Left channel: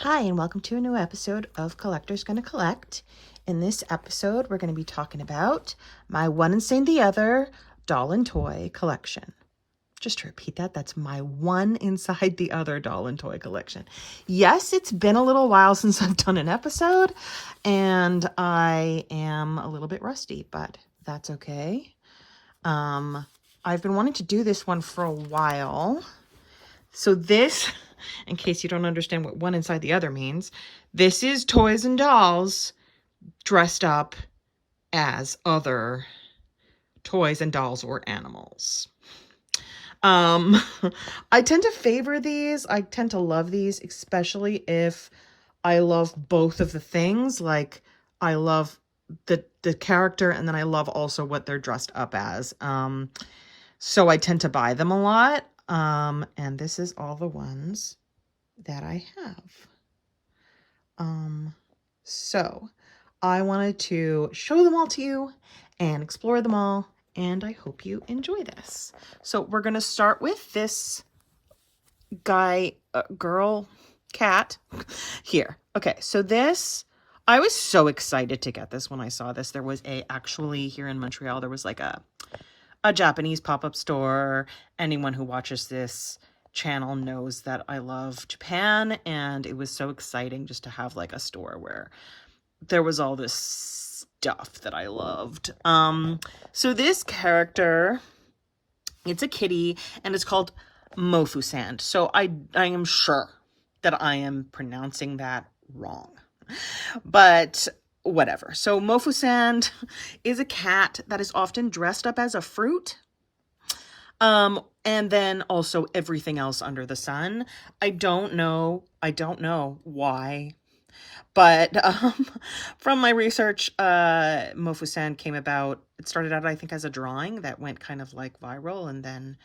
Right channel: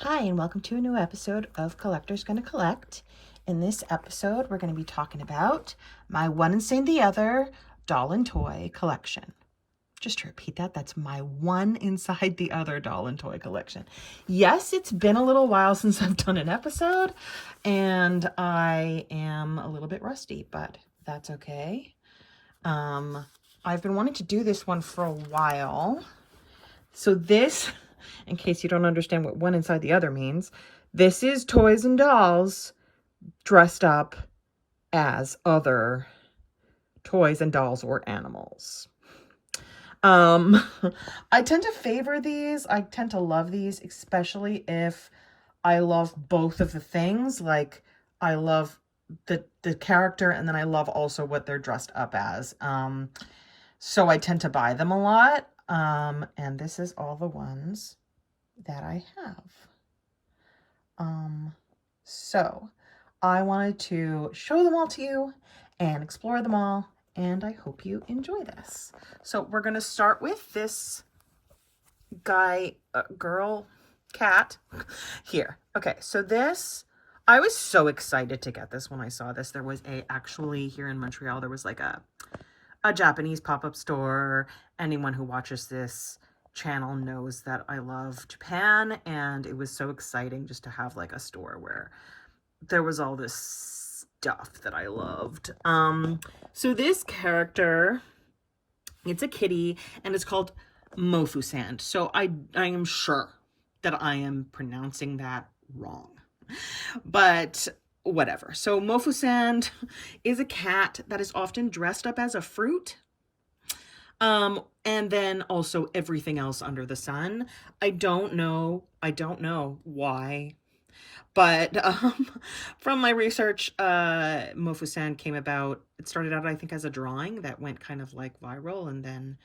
Hi, and welcome to a new episode of Collector's Gonna Collect. In this episode, we're going to be talking about my One Inside the Other doll and toy collection. Just to repeat that, that's my One Inside the Other doll and toy collection. Yes, it's been a little while since I've done an episode, and I am a little bit rusty, but that's okay. I've been wanting to do this one for a while. So this, in case you don't understand what One Inside the Other means, this is toys and dolls dressed up as other toys and dolls or animals. I tend to favor these. I tend to love these, especially if I love both of the things. Like, I love the character, and then I love also what they're dressed up as. So I tend to buy them a lot. And this is all the ones that I have. So I wanted to show them all to you and explore them all, and I hope you enjoy this. So we're going to start with this guy, girl, cat here. Okay, so this, I was so excited to get this when I saw this. There was actually here in Montreal, there was like a Japanese pop-up store. Anyone who watches this channel knows that I love Japan, and it was so exciting just to have like a store where there was all this stuff that I loved. So this character, it's a kitty, and it's called Mofusand. So I am sure that I am pronouncing that wrong, but whatever. So Mofusand is a cat that is often dressed up as a fruit. And then also everything else under the sun. I don't know why, but from my research, Mofusand came about, it started out, I think, as a drawing that went kind of like viral, and then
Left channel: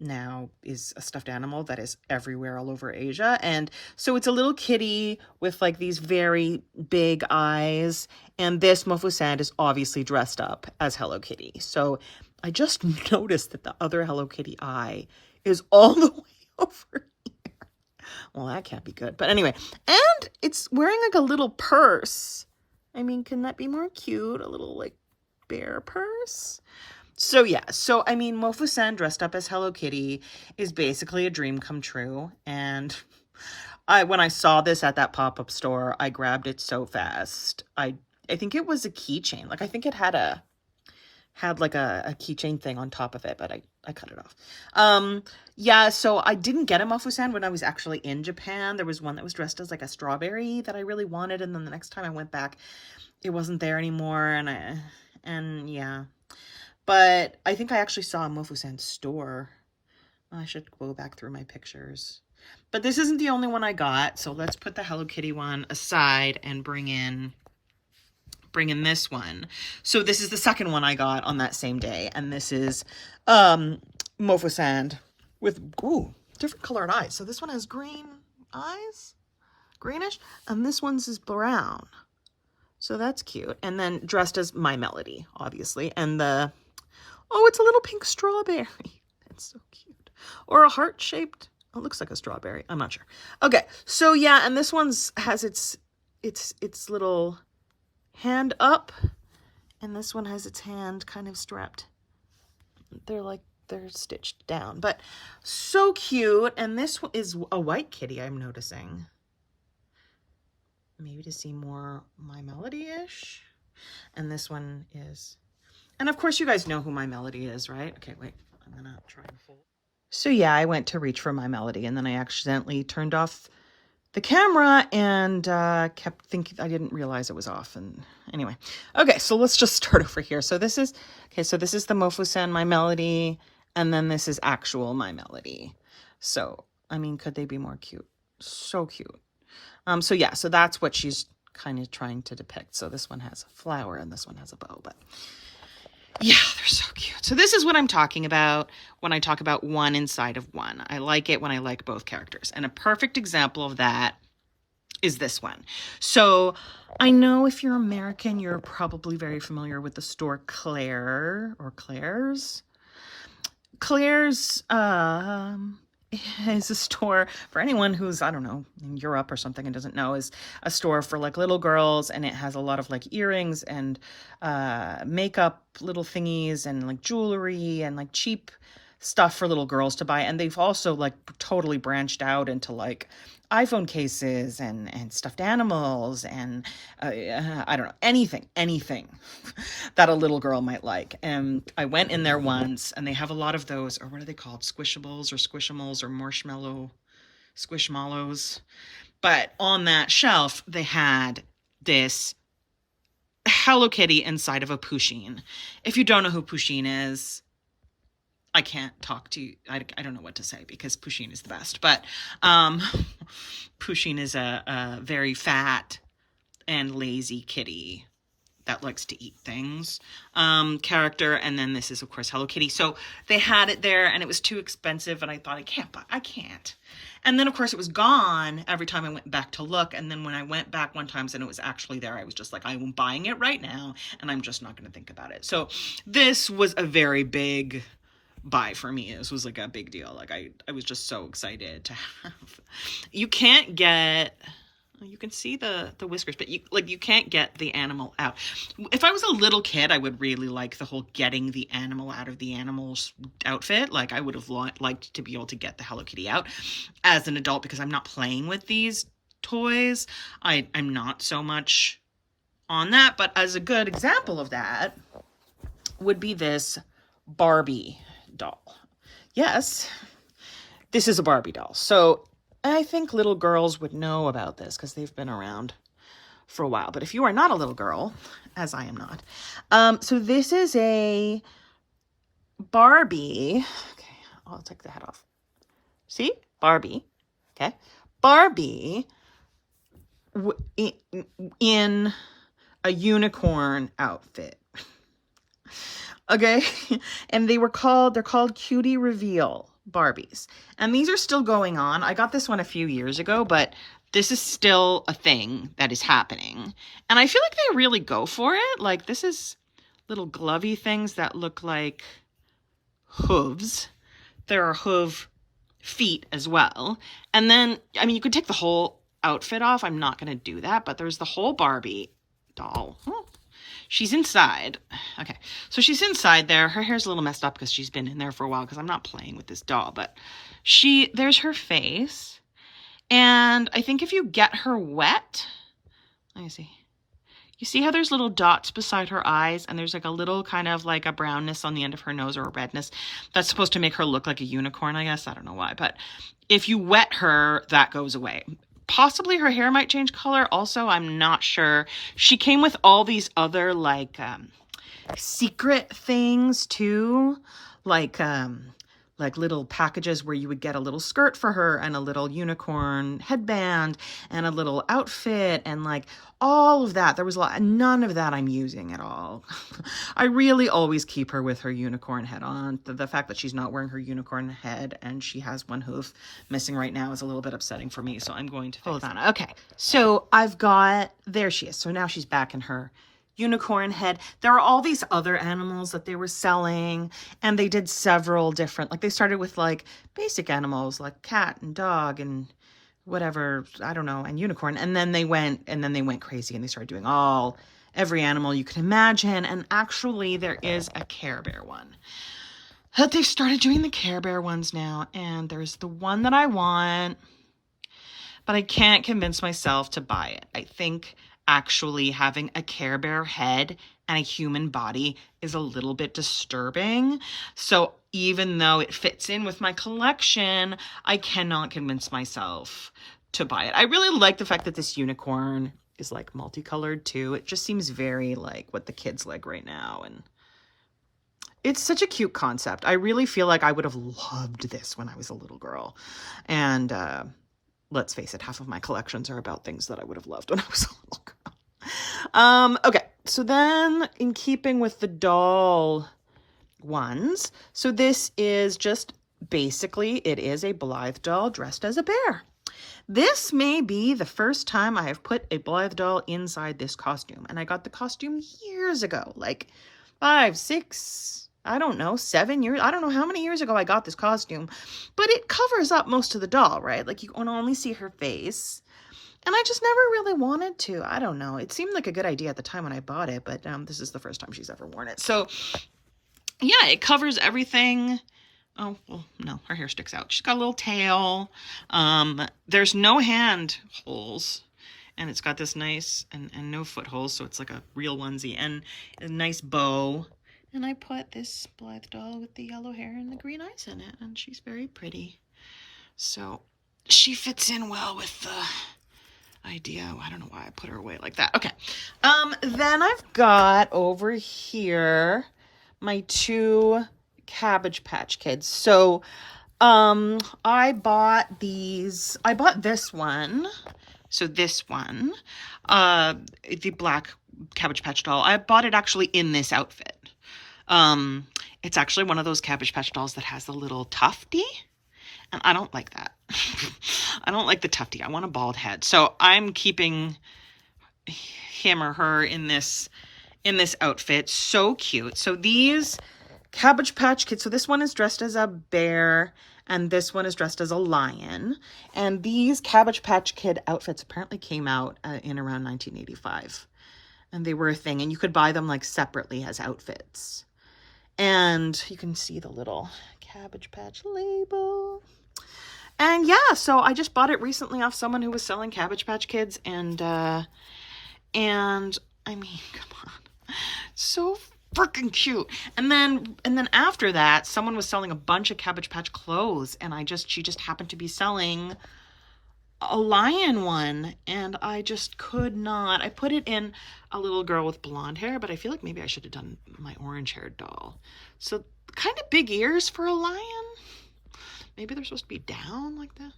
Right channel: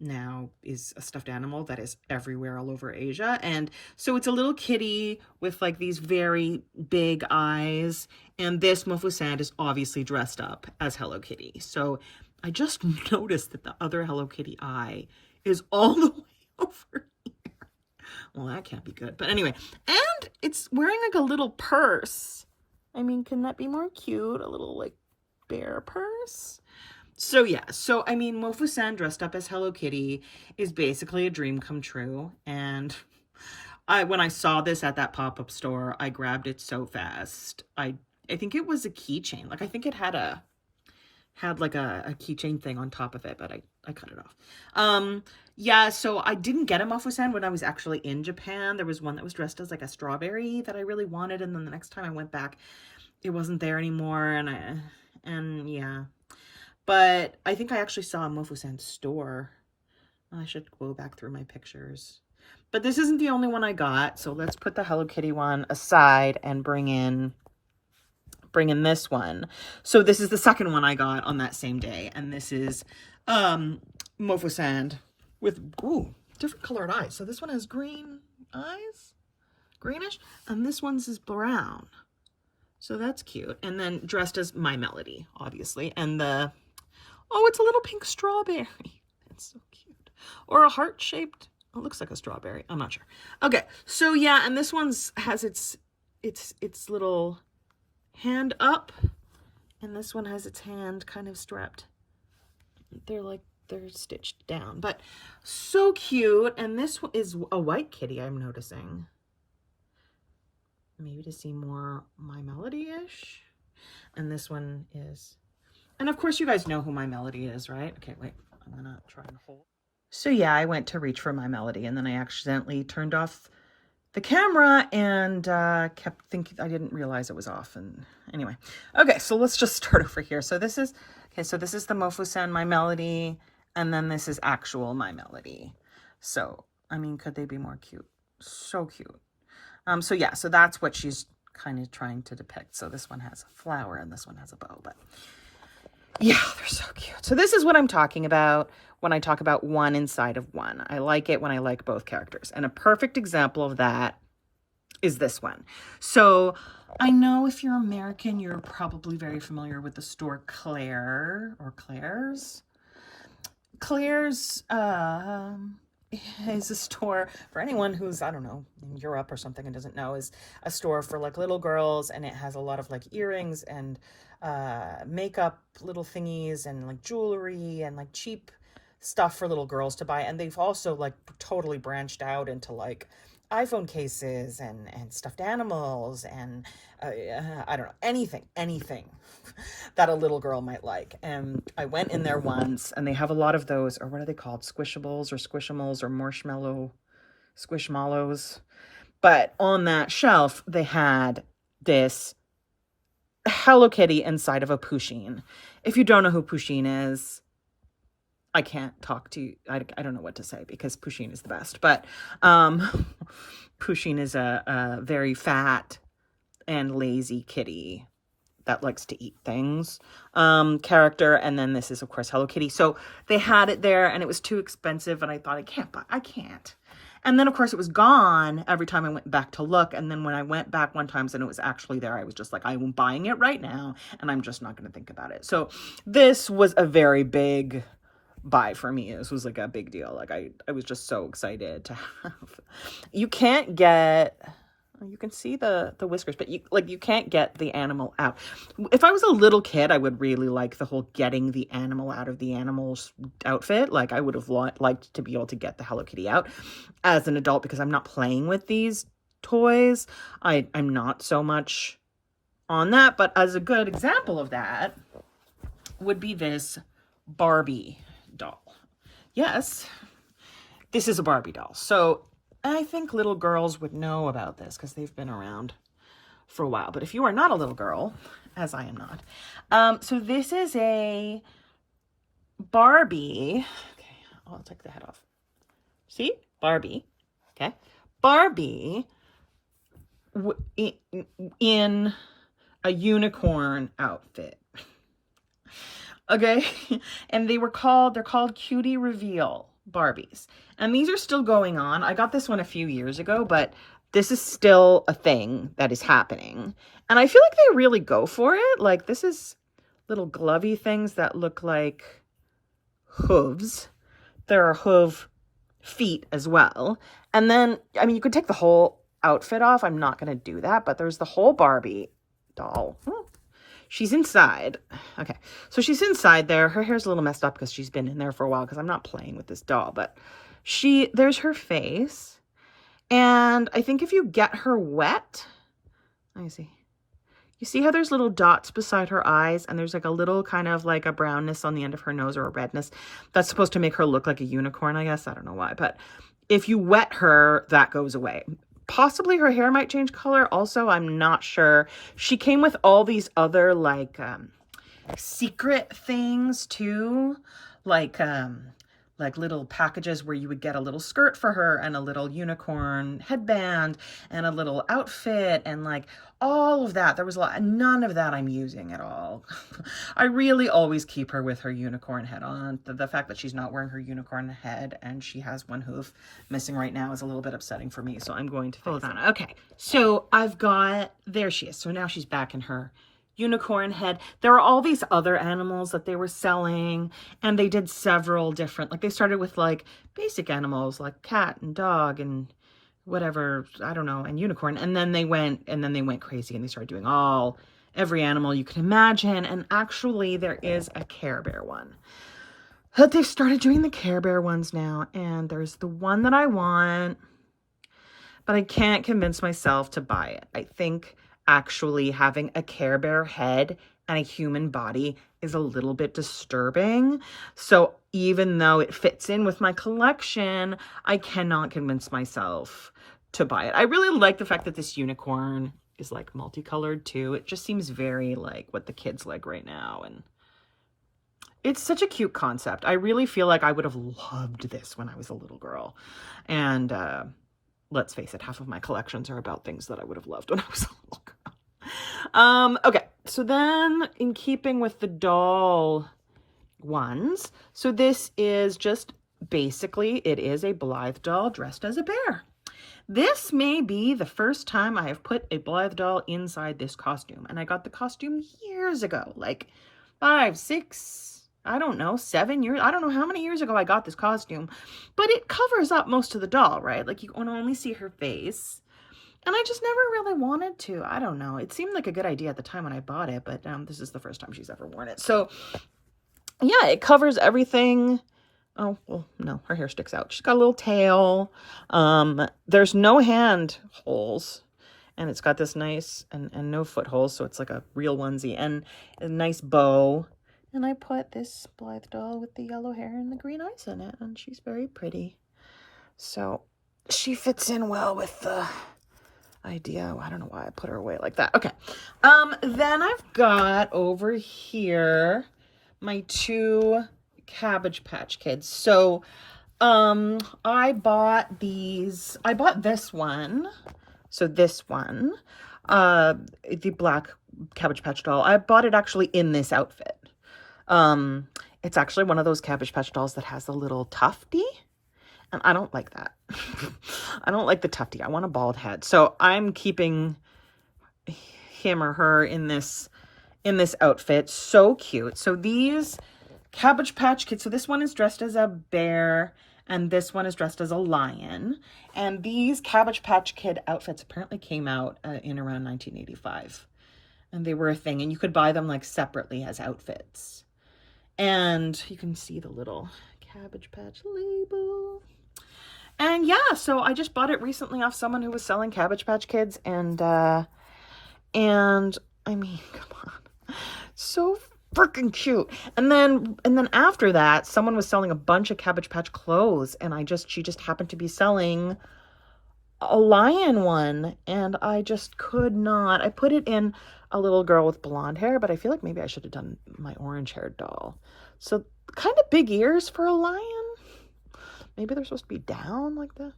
now is a stuffed animal that is everywhere all over Asia. And so it's a little kitty with like these very big eyes, and this Mofusand is obviously dressed up as Hello Kitty. So I just noticed that the other Hello Kitty eye is all the way over here. Well, that can't be good. But anyway, and it's wearing like a little purse. I mean, can that be more cute? A little like bear purse? So yeah, so I mean, Mofusand dressed up as Hello Kitty is basically a dream come true. And when I saw this at that pop-up store, I grabbed it so fast. I think it was a keychain. Like, I think it had like a keychain thing on top of it, but I cut it off. Yeah, so I didn't get a Mofusand when I was actually in Japan. There was one that was dressed as like a strawberry that I really wanted, and then the next time I went back, it wasn't there anymore, and yeah. But I think I actually saw a Mofusand store. I should go back through my pictures. But this isn't the only one I got, so let's put the Hello Kitty one aside and bring in this one. So this is the second one I got on that same day, and this is Mofusand with different colored eyes. So this one has green eyes, greenish, and this one's is brown. So that's cute. And then dressed as My Melody, obviously, and it's a little pink strawberry. It's so cute. Or a heart-shaped, it looks like a strawberry. I'm not sure. Okay, so yeah, and this one's has its little hand up, and this one has its hand kind of strapped. They're stitched down, but so cute. And this is a white kitty, I'm noticing. Maybe to see more My Melody-ish. And this one is, and of course you guys know who My Melody is, right? Okay, wait, I'm gonna try and hold. So yeah, I went to reach for My Melody, and then I accidentally turned off the camera and kept thinking, I didn't realize it was off. And anyway, okay, so let's just start over here. So this is the Mofusand My Melody, and then this is actual My Melody. So I mean, could they be more cute? So cute. So yeah, so that's what she's kind of trying to depict. So this one has a flower and this one has a bow, but yeah, they're so cute. So this is what I'm talking about when I talk about one inside of one. I like it when I like both characters. And a perfect example of that is this one. So I know if you're American, you're probably very familiar with the store Claire or Claire's. Claire's is a store for anyone who's, I don't know, in Europe or something and doesn't know, is a store for like little girls, and it has a lot of like earrings and makeup little thingies and like jewelry and like cheap stuff for little girls to buy. And they've also like totally branched out into like iPhone cases and stuffed animals and I don't know, anything that a little girl might like. And I went in there once, and they have a lot of those, or what are they called? Squishables or squishimals or marshmallow squishmallows. But on that shelf, they had this Hello Kitty inside of a Pusheen. If you don't know who Pusheen is, I can't talk to you. I don't know what to say because Pusheen is the best. But Pusheen is a very fat and lazy kitty that likes to eat things character. And then this is, of course, Hello Kitty. So they had it there, and it was too expensive. And I thought, I can't. And then, of course, it was gone every time I went back to look. And then when I went back one time and it was actually there, I was just like, I'm buying it right now, and I'm just not going to think about it. So this was a very big buy for me. This was like a big deal. Like I was just so excited to have. You can't get, you can see the whiskers, but you can't get the animal out. If I was a little kid, I would really like the whole getting the animal out of the animal's outfit. Like I would have liked to be able to get the Hello Kitty out. As an adult, because I'm not playing with these toys, I'm not so much on that. But as a good example of that would be this Barbie doll. Yes, this is a Barbie doll. So I think little girls would know about this because they've been around for a while. But if you are not a little girl, as I am not, so this is a Barbie. Okay, I'll take the head off. See? Barbie. Okay. Barbie in a unicorn outfit. Okay, and they're called Cutie Reveal Barbies. And these are still going on. I got this one a few years ago, but this is still a thing that is happening. And I feel like they really go for it. Like this is little glovey things that look like hooves. There are hoof feet as well. And then, I mean, you could take the whole outfit off. I'm not going to do that, but there's the whole Barbie doll. She's inside. Okay, so she's inside there. Her hair's a little messed up because she's been in there for a while because I'm not playing with this doll. But there's her face. And I think if you get her wet, let me see. You see how there's little dots beside her eyes, and there's like a little kind of like a brownness on the end of her nose, or a redness. That's supposed to make her look like a unicorn, I guess. I don't know why. But if you wet her, that goes away. Possibly her hair might change color. Also, I'm not sure. She came with all these other like secret things too, like little packages where you would get a little skirt for her and a little unicorn headband and a little outfit and like all of that. There was a lot. None of that I'm using at all. I really always keep her with her unicorn head on. The fact that she's not wearing her unicorn head and she has one hoof missing right now is a little bit upsetting for me. So I'm going to hold on. Okay. So there she is. So now she's back in her unicorn head. There are all these other animals that they were selling, and they did several different, like they started with like basic animals like cat and dog and whatever, I don't know, and unicorn. And then they went crazy and they started doing every animal you can imagine. And actually there is a Care Bear one. But they've started doing the Care Bear ones now, and there's the one that I want, but I can't convince myself to buy it. I think actually having a Care Bear head and a human body is a little bit disturbing. So even though it fits in with my collection, I cannot convince myself to buy it. I really like the fact that this unicorn is like multicolored too. It just seems very like what the kids like right now. And it's such a cute concept. I really feel like I would have loved this when I was a little girl. And let's face it, half of my collections are about things that I would have loved when I was a little girl. Okay, so then in keeping with the doll ones, so this is just basically, it is a Blythe doll dressed as a bear. This may be the first time I have put a Blythe doll inside this costume, and I got the costume years ago, like 5, 6, I don't know, 7 years. I don't know how many years ago I got this costume, but it covers up most of the doll, right? Like you can only see her face. And I just never really wanted to. I don't know. It seemed like a good idea at the time when I bought it, but this is the first time she's ever worn it. So yeah, it covers everything. Oh, well, no, her hair sticks out. She's got a little tail. There's no hand holes. And it's got this nice, and no foot holes, so it's like a real onesie. And a nice bow. And I put this Blythe doll with the yellow hair and the green eyes in it. And she's very pretty. So she fits in well with the idea. I don't know why I put her away like that. Okay. Then I've got over here my 2 Cabbage Patch Kids. So I bought this one. So this one, the black Cabbage Patch doll, I bought it actually in this outfit. It's actually one of those Cabbage Patch dolls that has a little tufty, and I don't like that. I don't like the tufty. I want a bald head. So I'm keeping him or her in this outfit. So cute. So these Cabbage Patch Kids, so this one is dressed as a bear, and this one is dressed as a lion. And these Cabbage Patch Kid outfits apparently came out in around 1985. And they were a thing. And you could buy them like separately as outfits. And you can see the little Cabbage Patch label. And yeah, so I just bought it recently off someone who was selling Cabbage Patch Kids. And I mean, come on. So freaking cute. And then after that, someone was selling a bunch of Cabbage Patch clothes, and she just happened to be selling a lion one, and I just could not. I put it in a little girl with blonde hair, but I feel like maybe I should have done my orange-haired doll. So kind of big ears for a lion. Maybe they're supposed to be down like that.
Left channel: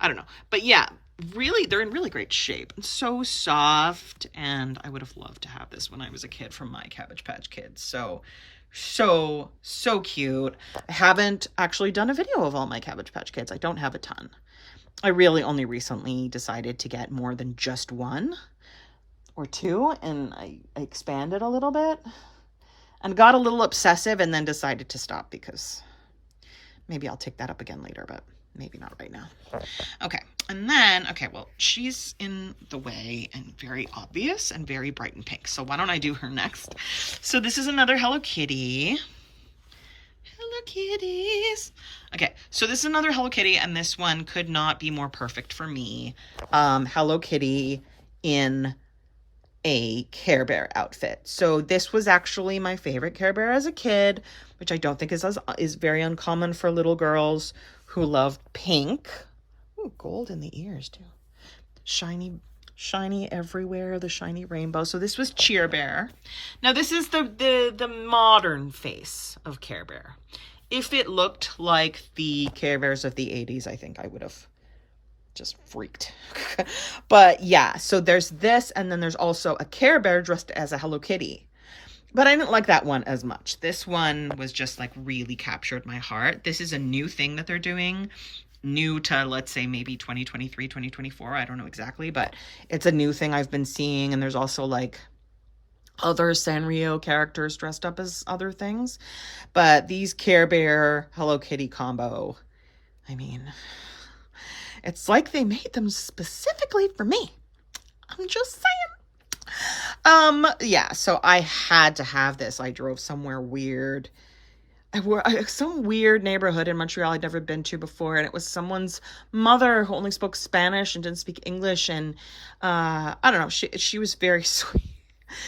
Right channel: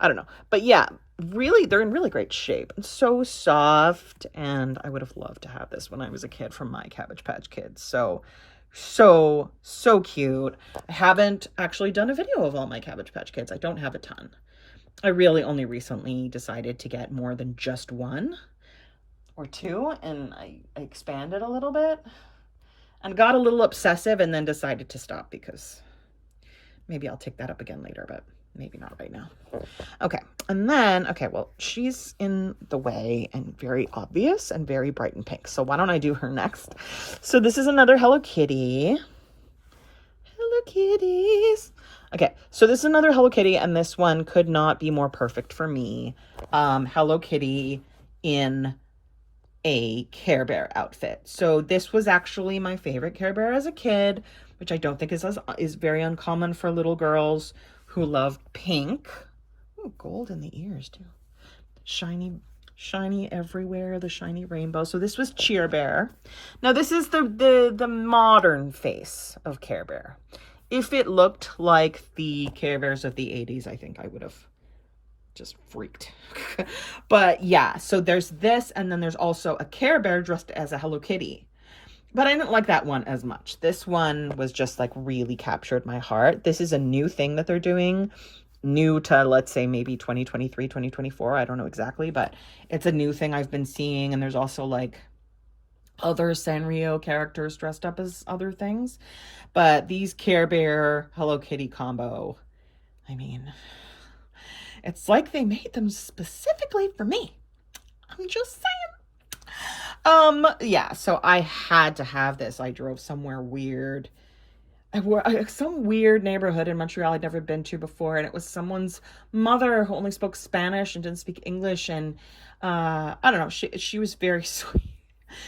I don't know. But yeah, really, they're in really great shape. And so soft. And I would have loved to have this when I was a kid from my Cabbage Patch Kids. So cute. I haven't actually done a video of all my Cabbage Patch Kids. I don't have a ton. I really only recently decided to get more than just 1 or 2. And I expanded a little bit. And got a little obsessive and then decided to stop because maybe I'll take that up again later, but maybe not right now. Okay. And then, okay, well, she's in the way and very obvious and very bright and pink. So why don't I do her next? So this is another Hello Kitty. Hello Kitties. Okay. So this is another Hello Kitty, and this one could not be more perfect for me. Hello Kitty in a Care Bear outfit. So this was actually my favorite Care Bear as a kid, which I don't think is very uncommon for little girls who love pink. Ooh, gold in the ears too. Shiny everywhere, the shiny rainbow. So this was Cheer Bear. Now this is the modern face of Care Bear. If it looked like the Care Bears of the 80s, I think I would have just freaked. But yeah, so there's this, and then there's also a Care Bear dressed as a Hello Kitty. But I didn't like that one as much. This one was just like really captured my heart. This is a new thing that they're doing. New to, let's say, maybe 2023, 2024. I don't know exactly, but it's a new thing I've been seeing. And there's also like other Sanrio characters dressed up as other things. But these Care Bear Hello Kitty combo, I mean, it's like they made them specifically for me. I'm just saying. Yeah, so I had to have this. I drove somewhere weird. Some weird neighborhood in Montreal I'd never been to before, and it was someone's mother who only spoke Spanish and didn't speak English, and I don't know, she was very sweet.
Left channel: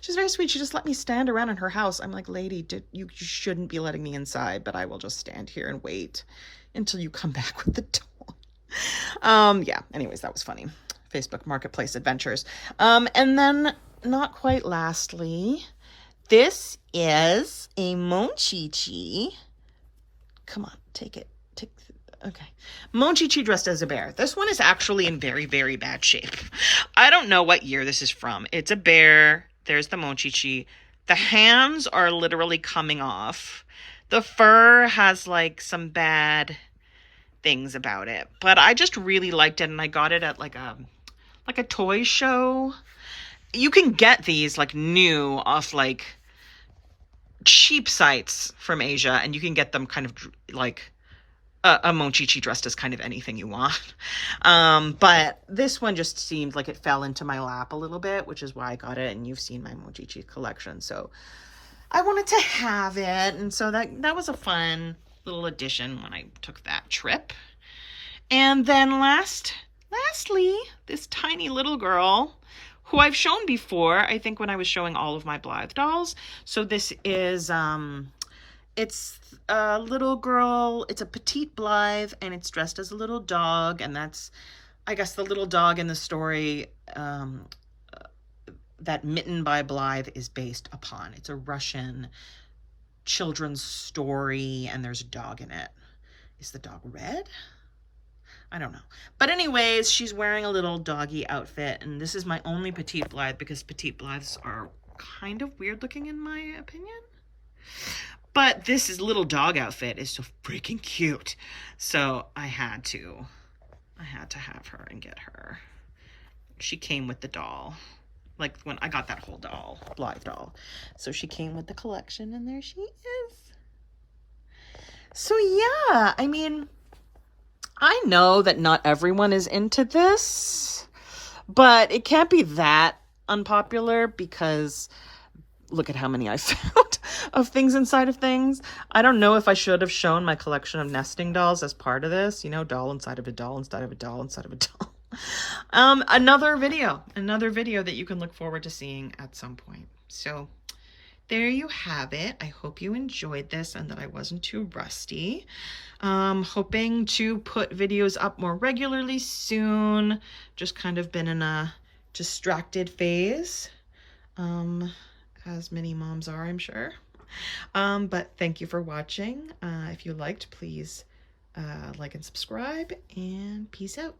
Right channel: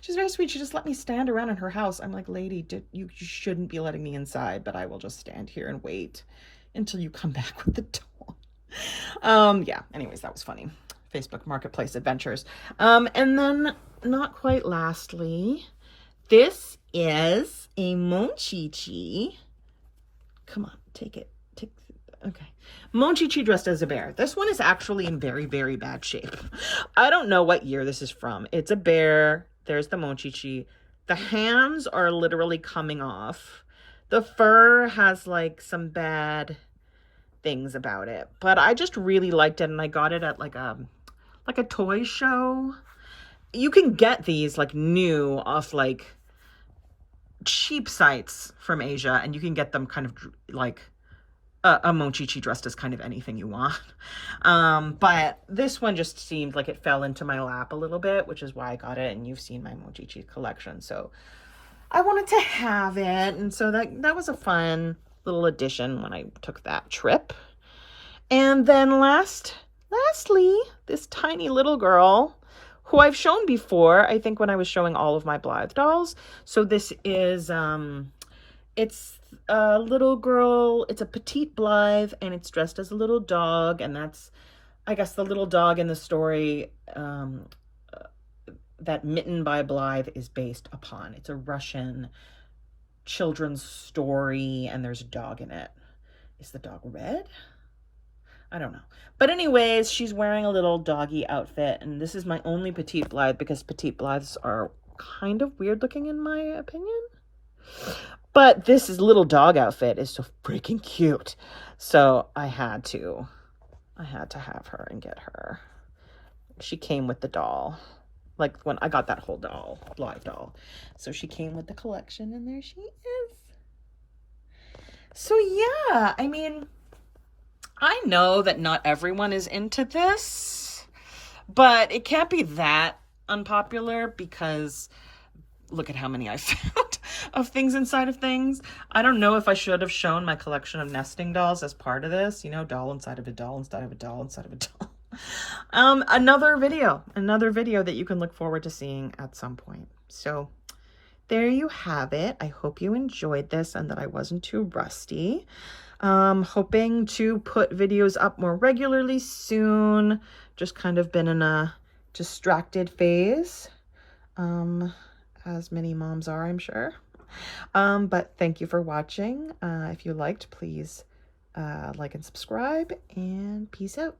She's very sweet. She just let me stand around in her house. I'm like, lady, you shouldn't be letting me inside, but I will just stand here and wait until you come back with the doll. Yeah, anyways, that was funny. Facebook Marketplace adventures. And then, not quite lastly, this is a Monchichi. Come on, take it. Okay. Monchichi dressed as a bear. This one is actually in very, very bad shape. I don't know what year this is from. It's a bear. There's the Monchichi. The hands are literally coming off. The fur has like some bad things about it. But I just really liked it, and I got it at like a toy show. You can get these like new off like cheap sites from Asia, and you can get them kind of like a mochichi dressed as kind of anything you want. But this one just seemed like it fell into my lap a little bit, which is why I got it. And you've seen my mochichi collection, so I wanted to have it. And so that was a fun little addition when I took that trip. And then lastly, this tiny little girl who I've shown before, I think when I was showing all of my Blythe dolls. So this is, it's a little girl, it's a petite Blythe, and it's dressed as a little dog, and that's, I guess, the little dog in the story that Mitten by Blythe is based upon. It's a Russian children's story, and there's a dog in it. Is the dog red? I don't know. But anyways, she's wearing a little doggy outfit, and this is my only petite Blythe because petite Blythes are kind of weird looking in my opinion. But this little dog outfit is so freaking cute. So I had to have her and get her. She came with the doll. Like when I got that whole doll, Blythe doll. So she came with the collection, and there she is. So yeah, I mean, I know that not everyone is into this, but it can't be that unpopular because look at how many I found of things inside of things. I don't know if I should have shown my collection of nesting dolls as part of this, you know, doll inside of a doll inside of a doll inside of a doll. Another video that you can look forward to seeing at some point. So there you have it. I hope you enjoyed this and that I wasn't too rusty. Hoping to put videos up more regularly soon. Just kind of been in a distracted phase, as many moms are, I'm sure. But thank you for watching. If you liked, please like and subscribe, and peace out.